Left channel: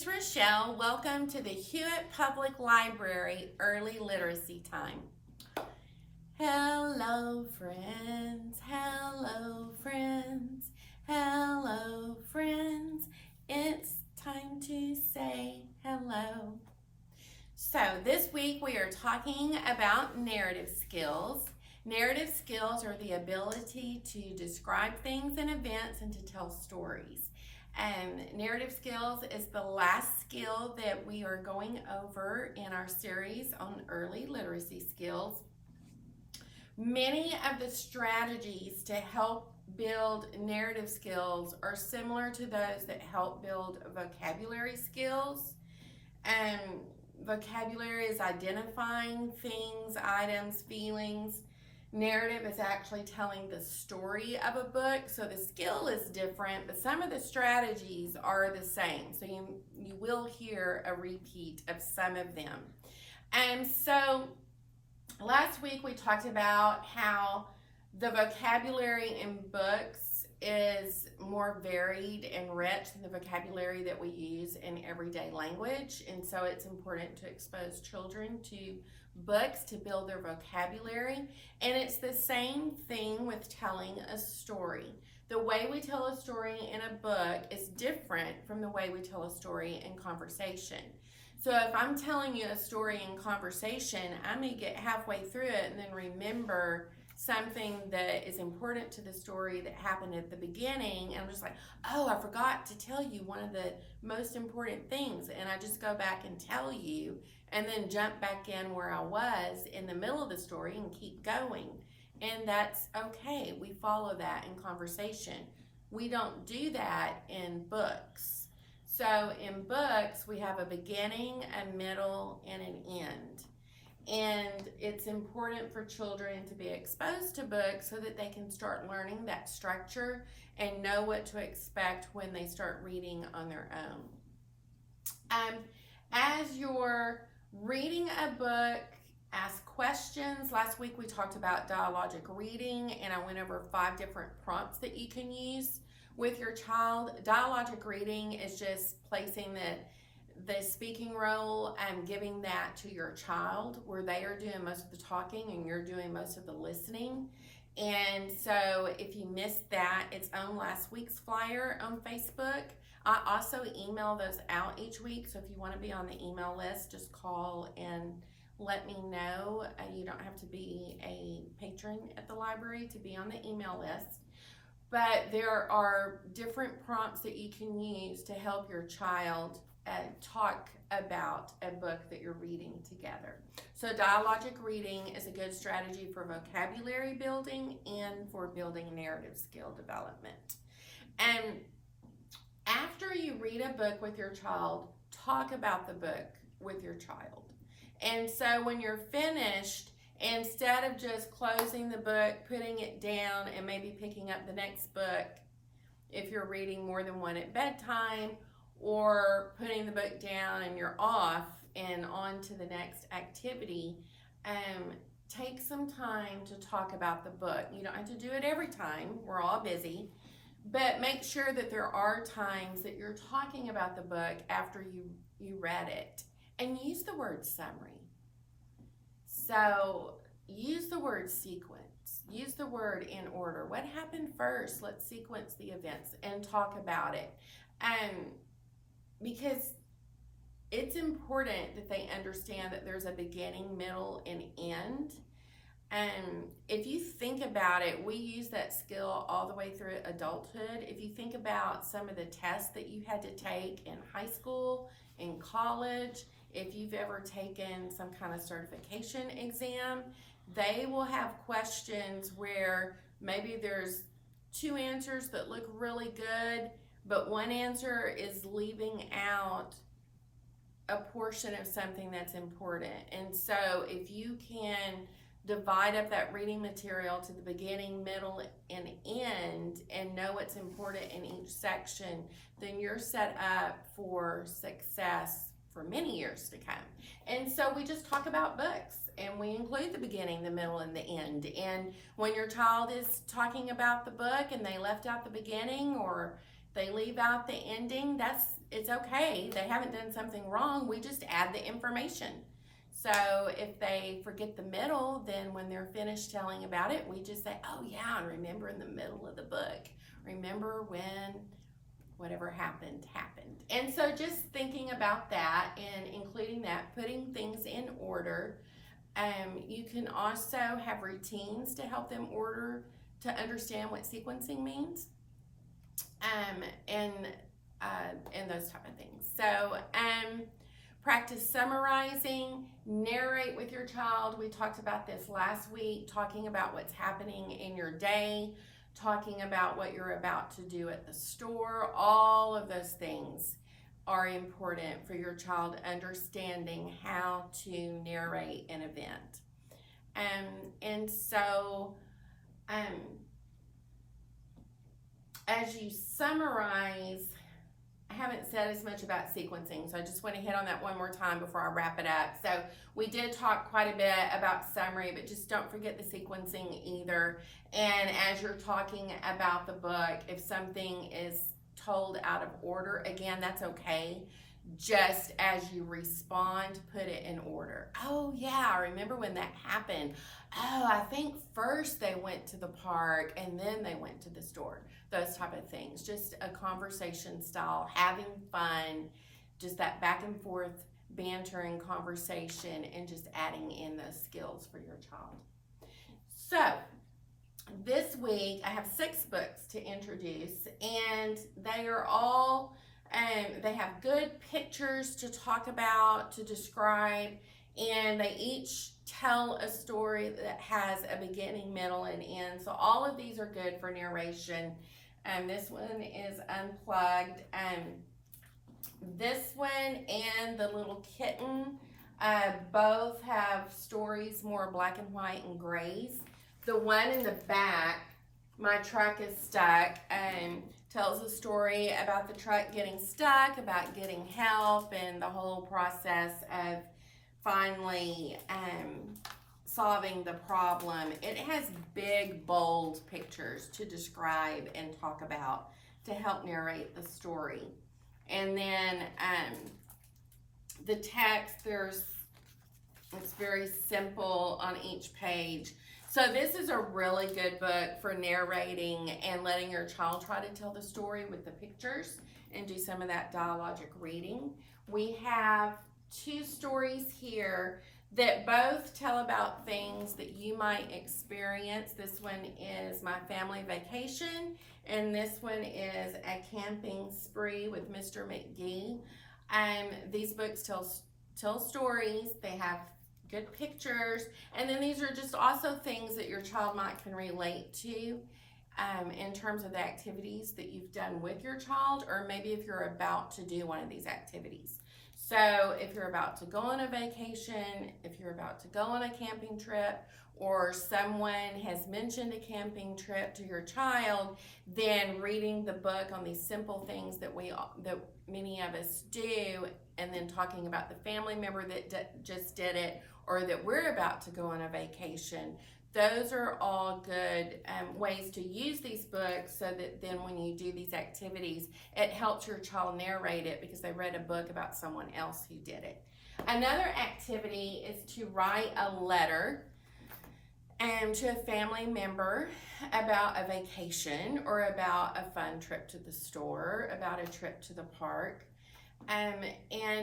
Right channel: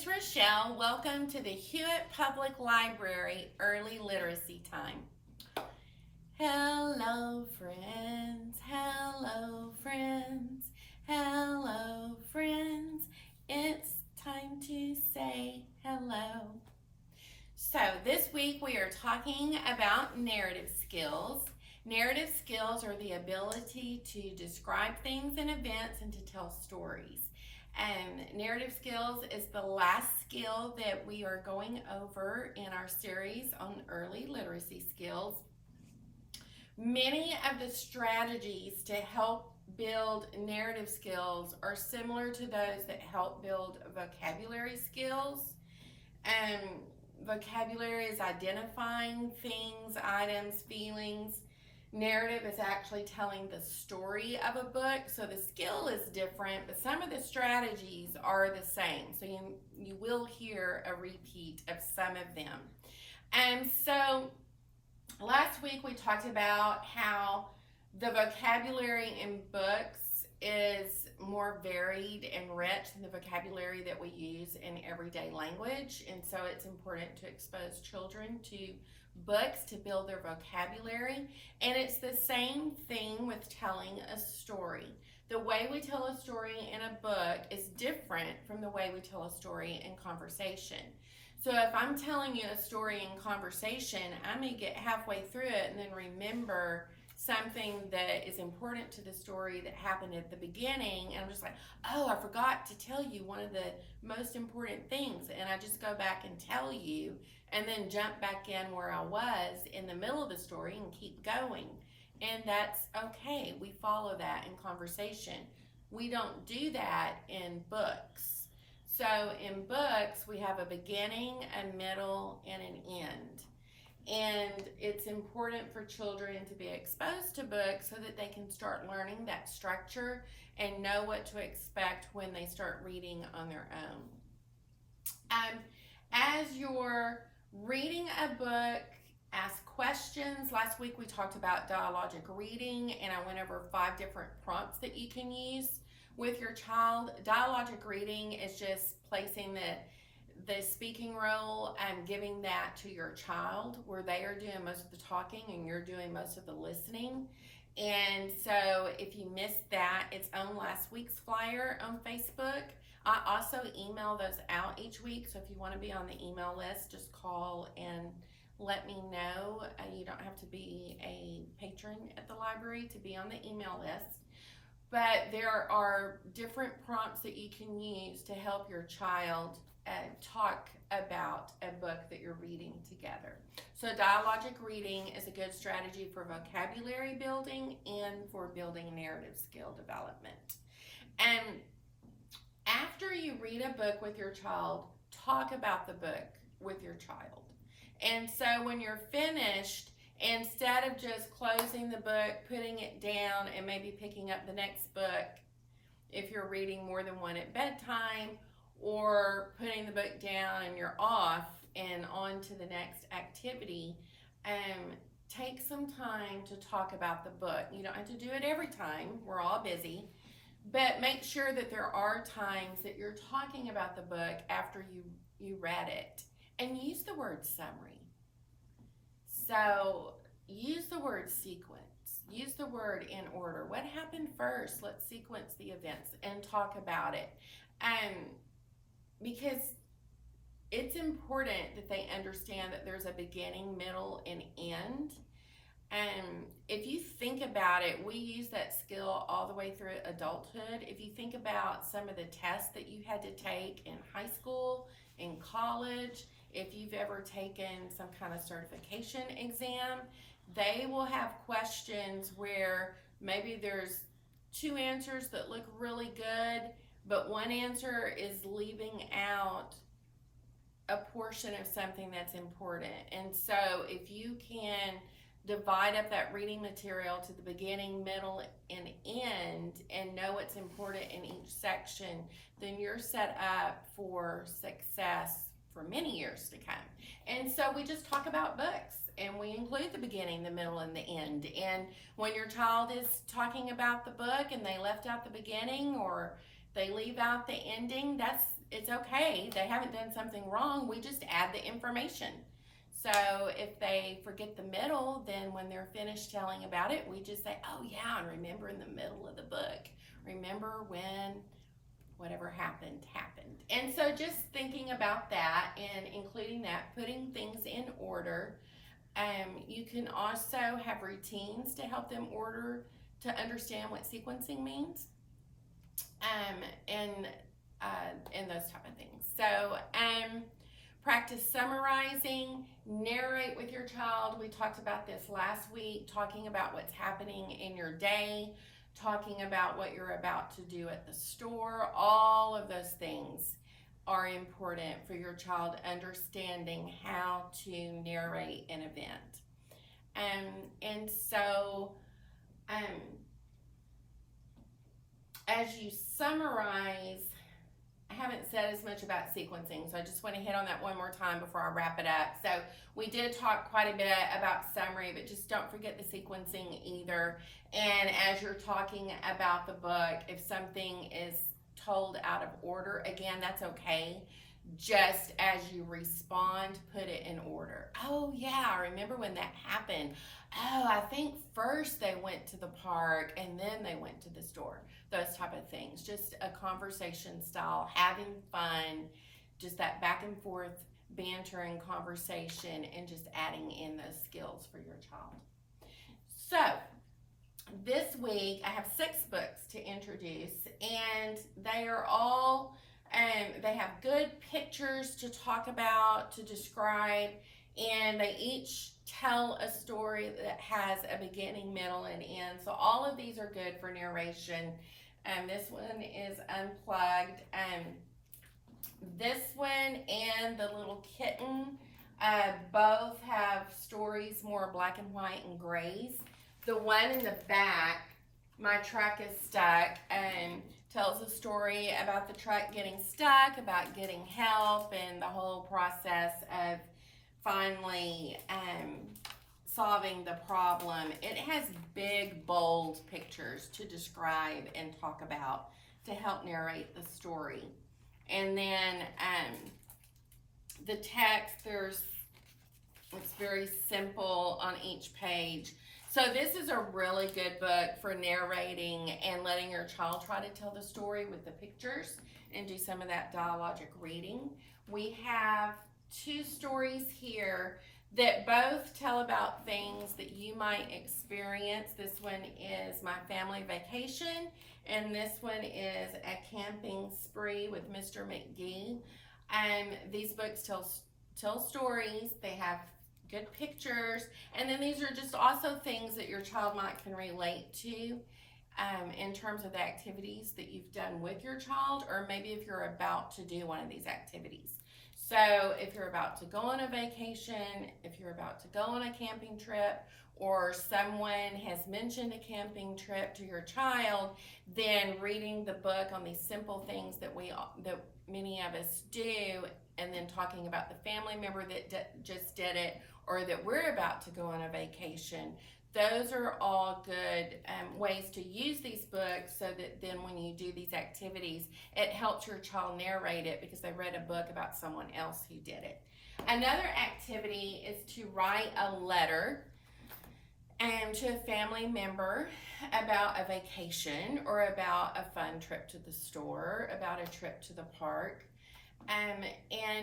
is Rochelle. Welcome to the Hewitt Public Library Early Literacy Time. Hello, friends. Hello, friends. Hello, friends. It's time to say hello. So, this week we are talking about narrative skills. Narrative skills are the ability to describe things and events and to tell stories. And narrative skills is the last skill that we are going over in our series on early literacy skills. Many of the strategies to help build narrative skills are similar to those that help build vocabulary skills. And vocabulary is identifying things, items, feelings. Narrative is actually telling the story of a book, so the skill is different, but some of the strategies are the same. So you will hear a repeat of some of them. And so last week we talked about how the vocabulary in books is more varied and rich than the vocabulary that we use in everyday language, and so it's important to expose children to books to build their vocabulary. And it's the same thing with telling a story. The way we tell a story in a book is different from the way we tell a story in conversation. So if I'm telling you a story in conversation, I may get halfway through it and then remember something that is important to the story that happened at the beginning, and I'm just like, oh, I forgot to tell you one of the most important things, and I just go back and tell you and then jump back in where I was in the middle of the story and keep going. And that's okay. We follow that in conversation. We don't do that in books. So in books, we have a beginning, a middle, and an end. And it's important for children to be exposed to books so that they can start learning that structure and know what to expect when they start reading on their own. As you're reading a book, ask questions. Last week we talked about dialogic reading, and I went over 5 different prompts that you can use with your child. Dialogic reading is just placing the speaking role and giving that to your child, where they are doing most of the talking and you're doing most of the listening. And so if you missed that, it's on last week's flyer on Facebook. I also email those out each week, so if you want to be on the email list, just call and let me know. You don't have to be a patron at the library to be on the email list. But there are different prompts that you can use to help your child talk about a book that you're reading together. So dialogic reading is a good strategy for vocabulary building and for building narrative skill development. And after you read a book with your child, talk about the book with your child. And so when you're finished, instead of just closing the book, putting it down, and maybe picking up the next book, if you're reading more than one at bedtime, or putting the book down and you're off and on to the next activity, take some time to talk about the book. You don't have to do it every time. We're all busy. But make sure that there are times that you're talking about the book after you read it. And use the word summary. So use the word sequence. Use the word in order. What happened first? Let's sequence the events and talk about it. Because it's important that they understand that there's a beginning, middle, and end. And if you think about it, we use that skill all the way through adulthood. If you think about some of the tests that you had to take in high school, in college, if you've ever taken some kind of certification exam, they will have questions where maybe there's 2 answers that look really good, but one answer is leaving out a portion of something that's important. And so if you can divide up that reading material to the beginning, middle, and end, and know what's important in each section, then you're set up for success for many years to come. And so we just talk about books, and we include the beginning, the middle, and the end. And when your child is talking about the book and they left out the beginning, or they leave out the ending, it's okay. They haven't done something wrong. We just add the information. So if they forget the middle, then when they're finished telling about it, we just say, oh yeah, and remember in the middle of the book, remember when whatever happened. And so just thinking about that and including that, putting things in order. You can also have routines to help them to understand what sequencing means, and those type of things. So practice summarizing, narrate with your child. We talked about this last week, talking about what's happening in your day, talking about what you're about to do at the store. All of those things are important for your child understanding how to narrate an event. And so as you summarize, I haven't said as much about sequencing, so I just want to hit on that one more time before I wrap it up. So we did talk quite a bit about summary, but just don't forget the sequencing either. And as you're talking about the book, if something is told out of order, again, that's okay. Just as you respond, put it in order. Oh yeah, I remember when that happened. Oh, I think first they went to the park and then they went to the store. Those type of things. Just a conversation style, having fun, just that back and forth banter and conversation, and just adding in those skills for your child. So this week I have 6 books to introduce, and they are all they have good pictures to talk about, to describe, and they each tell a story that has a beginning, middle, and end. So all of these are good for narration. This one is Unplugged. This one and The Little Kitten both have stories more black and white and grays. The one in the back, My Truck is Stuck, tells a story about the truck getting stuck, about getting help, and the whole process of finally solving the problem. It has big, bold pictures to describe and talk about to help narrate the story. And then the text, it's very simple on each page. So this is a really good book for narrating and letting your child try to tell the story with the pictures and do some of that dialogic reading. We have 2 stories here that both tell about things that you might experience. This one is My Family Vacation, and this one is A Camping Spree with Mr. McGee. These books tell stories. They have good pictures, and then these are just also things that your child can relate to in terms of the activities that you've done with your child, or maybe if you're about to do one of these activities. So if you're about to go on a vacation, if you're about to go on a camping trip, or someone has mentioned a camping trip to your child, then reading the book on these simple things that many of us do, and then talking about the family member that just did it, or that we're about to go on a vacation. Those are all good ways to use these books, so that then when you do these activities, it helps your child narrate it because they read a book about someone else who did it. Another activity is to write a letter to a family member about a vacation, or about a fun trip to the store, about a trip to the park. And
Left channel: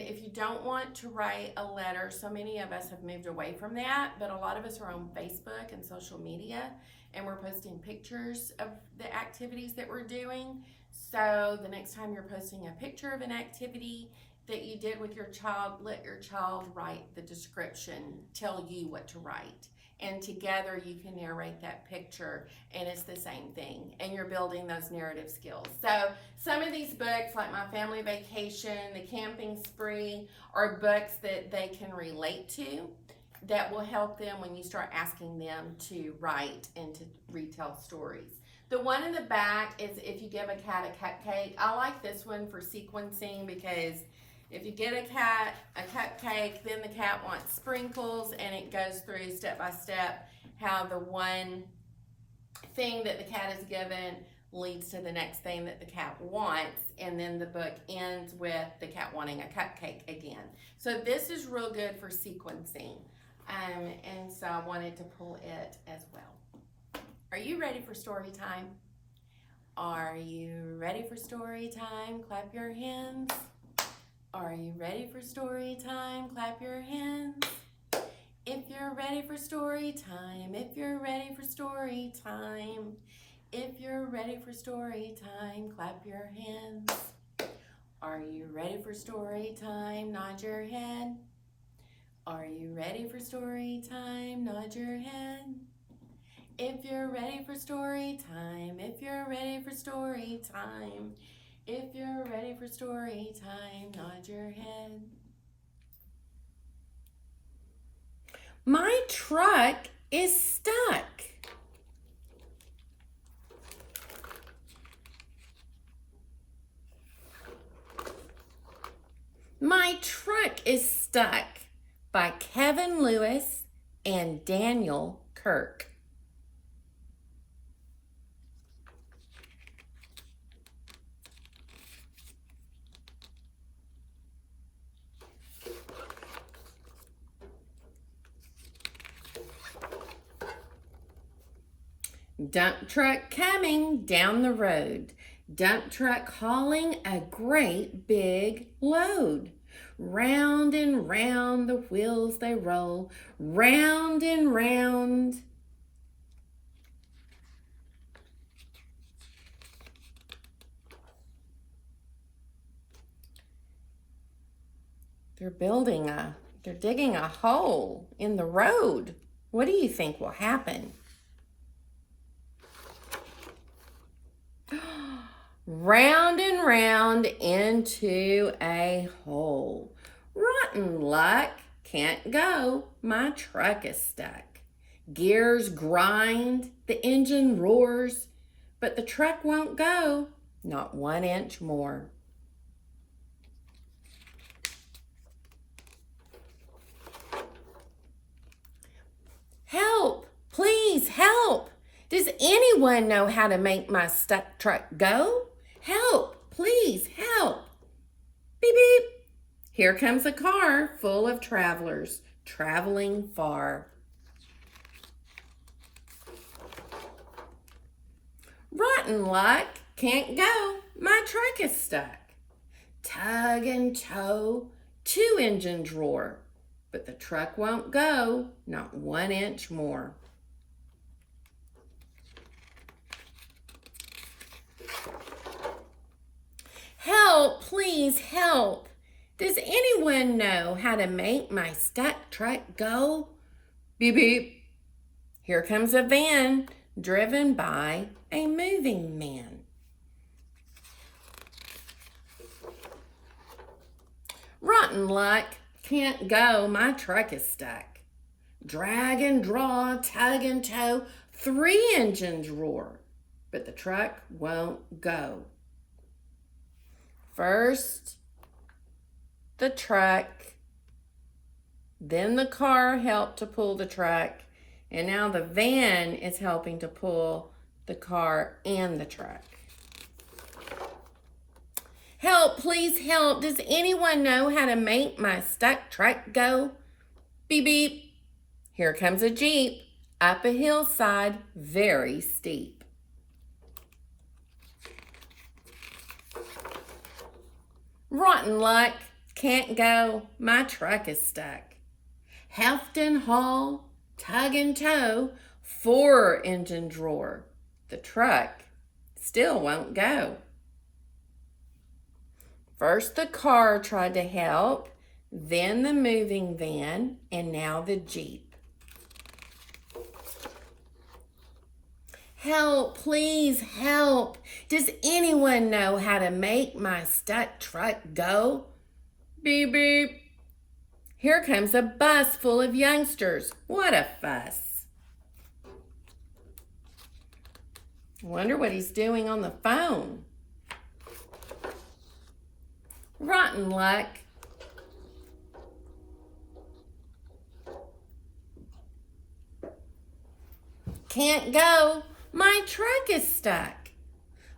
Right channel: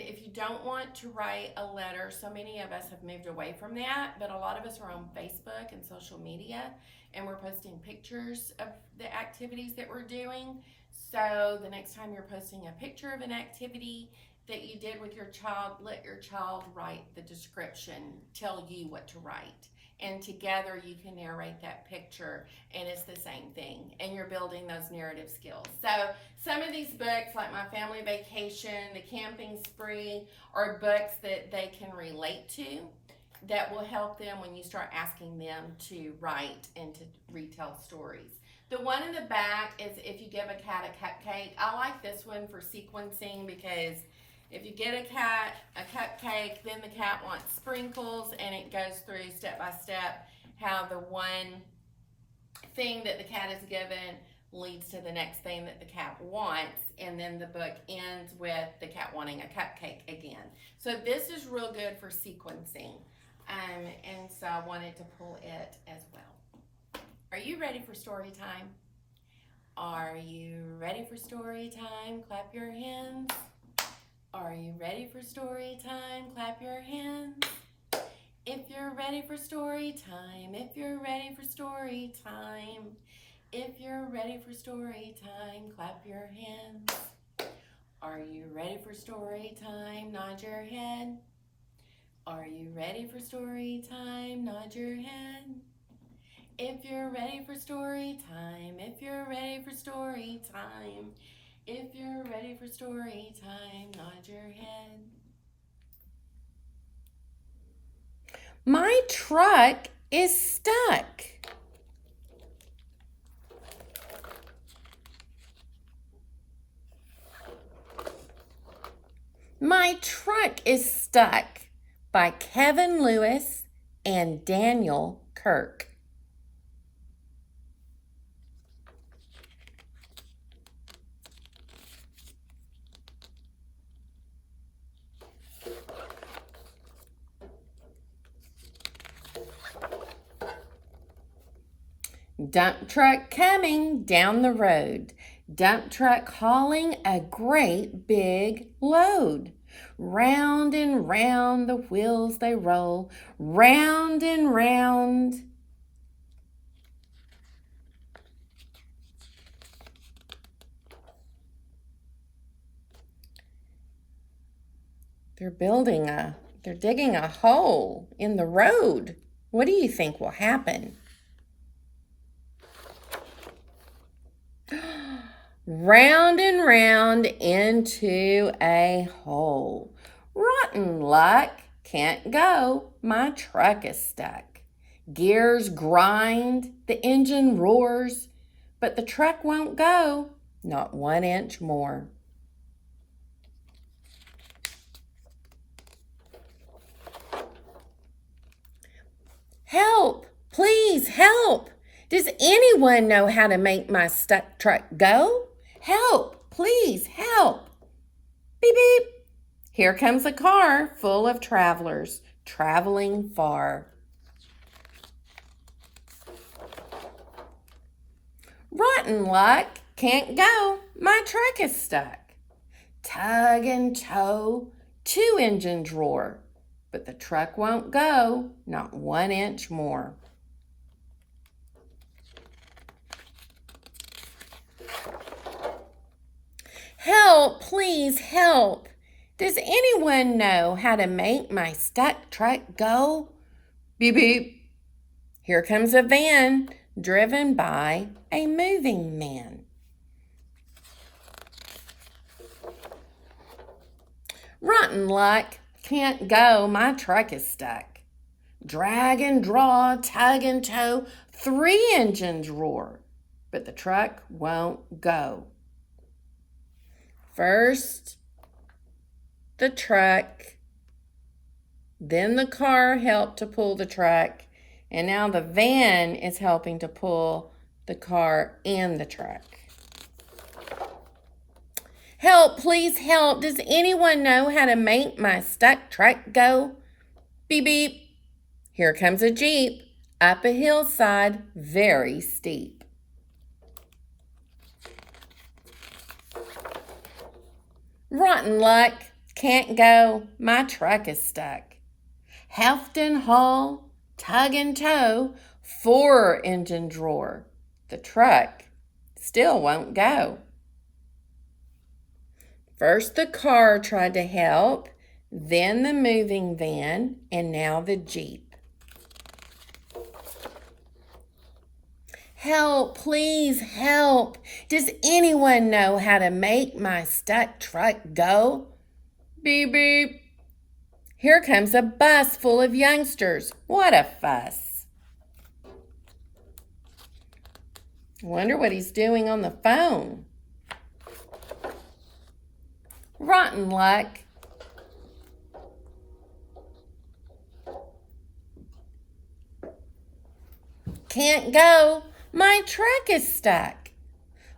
if you don't want to write a letter, so many of us have moved away from that, but a lot of us are on Facebook and social media, and we're posting pictures of the activities that we're doing. So the next time you're posting a picture of an activity that you did with your child, let your child write the description, tell you what to write. And together you can narrate that picture, and it's the same thing, and you're building those narrative skills. So some of these books, like My Family Vacation, The Camping Spree, are books that they can relate to, that will help them when you start asking them to write and to retell stories. The one in the back is If You Give a Cat a Cupcake. I like this one for sequencing, because if you get a cat a cupcake, then the cat wants sprinkles, and it goes through step by step how the one thing that the cat is given leads to the next thing that the cat wants, and then the book ends with the cat wanting a cupcake again. So this is real good for sequencing, and so I wanted to pull it as well. Are you ready for story time? Are you ready for story time? Clap your hands. Are you ready for story time? Clap your hands. If you're ready for story time, if you're ready for story time, if you're ready for story time, clap your hands. Are you ready for story time? Nod your head. Are you ready for story time? Nod your head. If you're ready for story time, if you're ready for story time, if you're ready for story time, nod your head. My truck is stuck. My Truck is Stuck by Kevin Lewis and Daniel Kirk. Dump truck coming down the road. Dump truck hauling a great big load. Round and round the wheels they roll, round and round. They're digging a hole in the road. What do you think will happen? Round and round into a hole. Rotten luck, can't go, my truck is stuck. Gears grind, the engine roars, but the truck won't go, not 1 inch more. Help, please help. Does anyone know how to make my stuck truck go? Help, please, help. Beep, beep. Here comes a car full of travelers traveling far. Rotten luck, can't go, my truck is stuck. Tug and tow, 2 engines roar, but the truck won't go, not 1 inch more. Help, please help. Does anyone know how to make my stuck truck go? Beep, beep. Here comes a van driven by a moving man. Rotten luck, can't go, my truck is stuck. Drag and draw, tug and tow, 3 engines roar, but the truck won't go. First, the truck, then the car helped to pull the truck, and now the van is helping to pull the car and the truck. Help, please help. Does anyone know how to make my stuck truck go? Beep, beep. Here comes a Jeep up a hillside, very steep. Rotten luck, can't go, my truck is stuck. Heft and haul, tug and tow, 4 engines roar. The truck still won't go. First the car tried to help, then the moving van, and now the Jeep. Help, please help. Does anyone know how to make my stuck truck go? Beep, beep. Here comes a bus full of youngsters. What a fuss. I wonder what he's doing on the phone. Rotten luck. Can't go. My truck is stuck.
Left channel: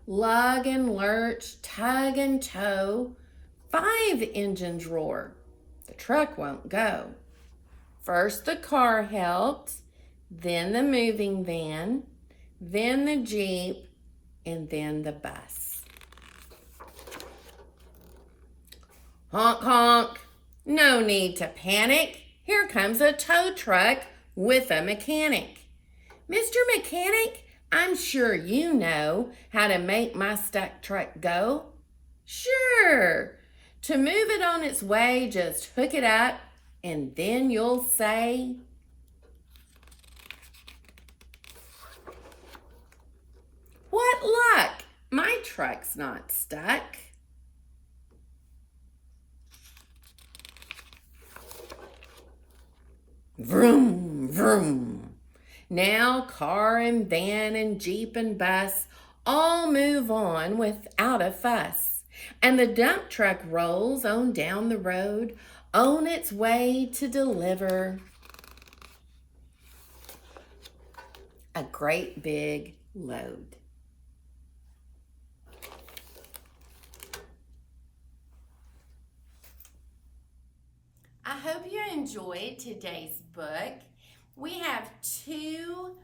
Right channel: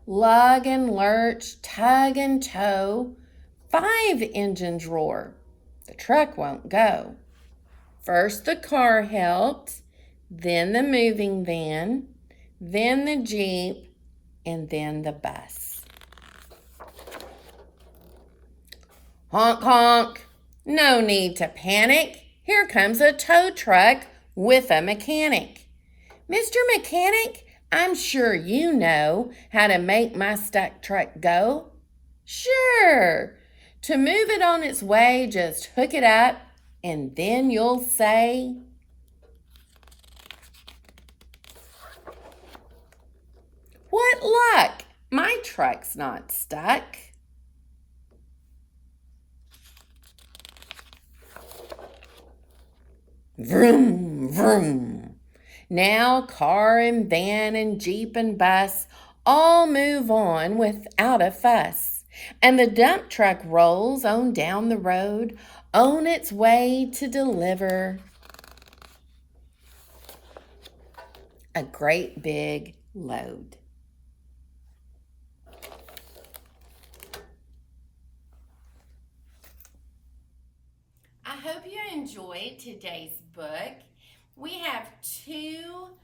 Lug and lurch, tug and tow, 5 engines roar. The truck won't go. First the car helped, then the moving van, then the Jeep, and then the bus. Honk, honk. No need to panic. Here comes a tow truck with a mechanic. Mr. Mechanic, I'm sure you know how to make my stuck truck go. Sure. To move it on its way, just hook it up and then you'll say, what luck, my truck's not stuck. Vroom, vroom. Now car and van and Jeep and bus all move on without a fuss. And the dump truck rolls on down the road on its way to deliver a great big load. I hope you enjoyed today's book. We have two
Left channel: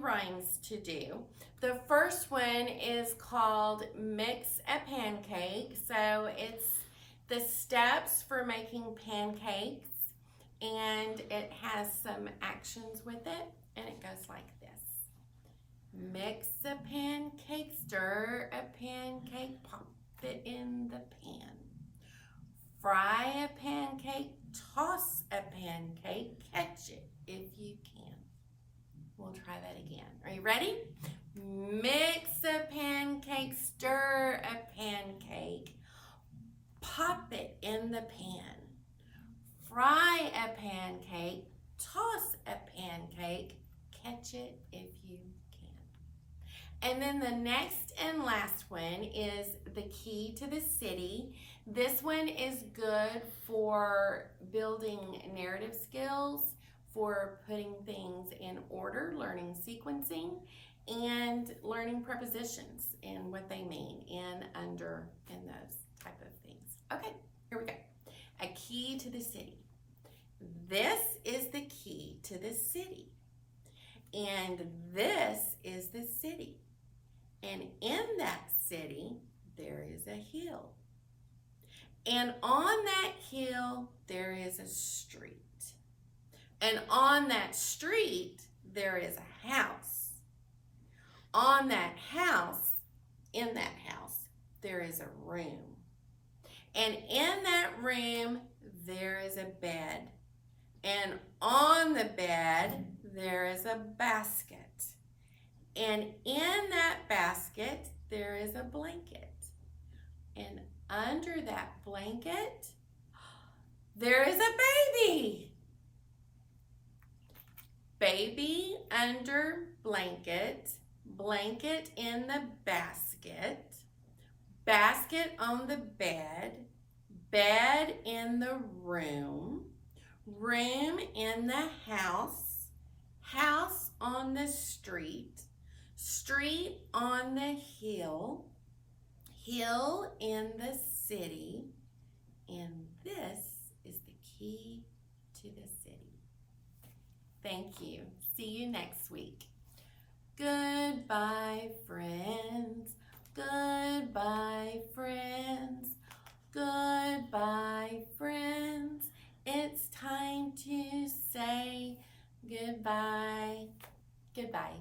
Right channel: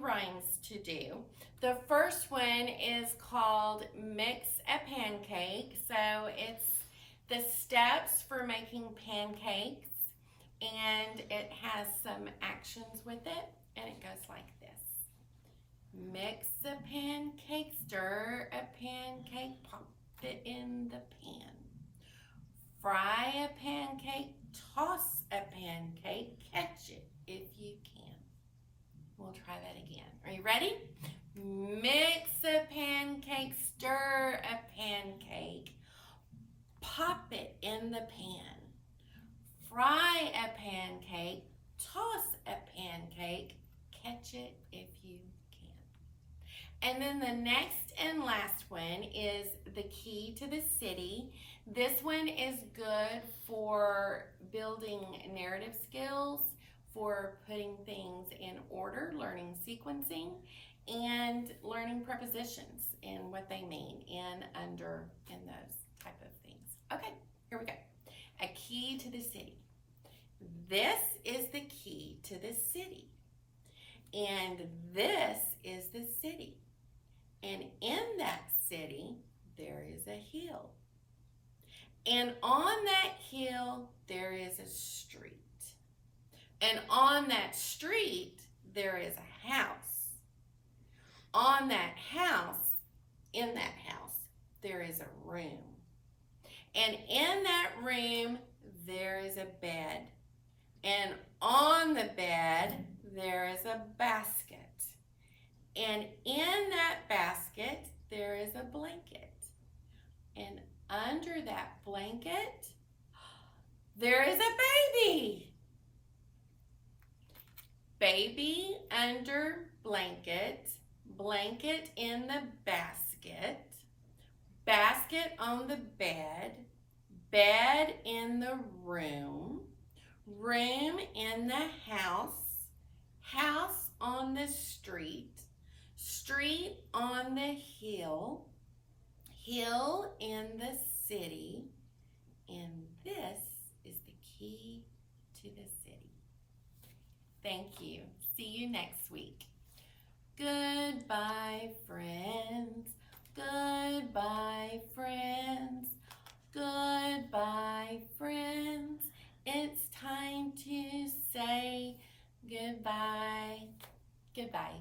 rhymes to do. The first one is called Mix a Pancake. So it's the steps for making pancakes, and it has some actions with it, and it goes like this. Mix a pancake, stir a pancake, pop it in the pan. Fry a pancake, toss a pancake, catch it if you can. We'll try that again. Are you ready? Mix a pancake, stir a pancake, pop it in the pan. Fry a pancake, toss a pancake, catch it if you can. And then the next and last one is the key to the city. This one is good for building narrative skills, for putting things in order, learning sequencing, and learning prepositions and what they mean in, under, and those type of things. Okay, here we go. A key to the city. This is the key to the city. And this is the city. And in that city, there is a hill. And on that hill, there is a street. And on that street, there is a house. On that house, in that house, there is a room. And in that room, there is a bed. And on the bed, there is a basket. And in that basket, there is a blanket. And under that blanket, there is a baby. Baby under blanket, blanket in the basket, basket on the bed, bed in the room, room in the house, house on the street, street on the hill, hill in the city, and this is the key to the city. Thank you. See you next week. Goodbye, friends. Goodbye, friends. Goodbye, friends. It's time to say goodbye. Goodbye.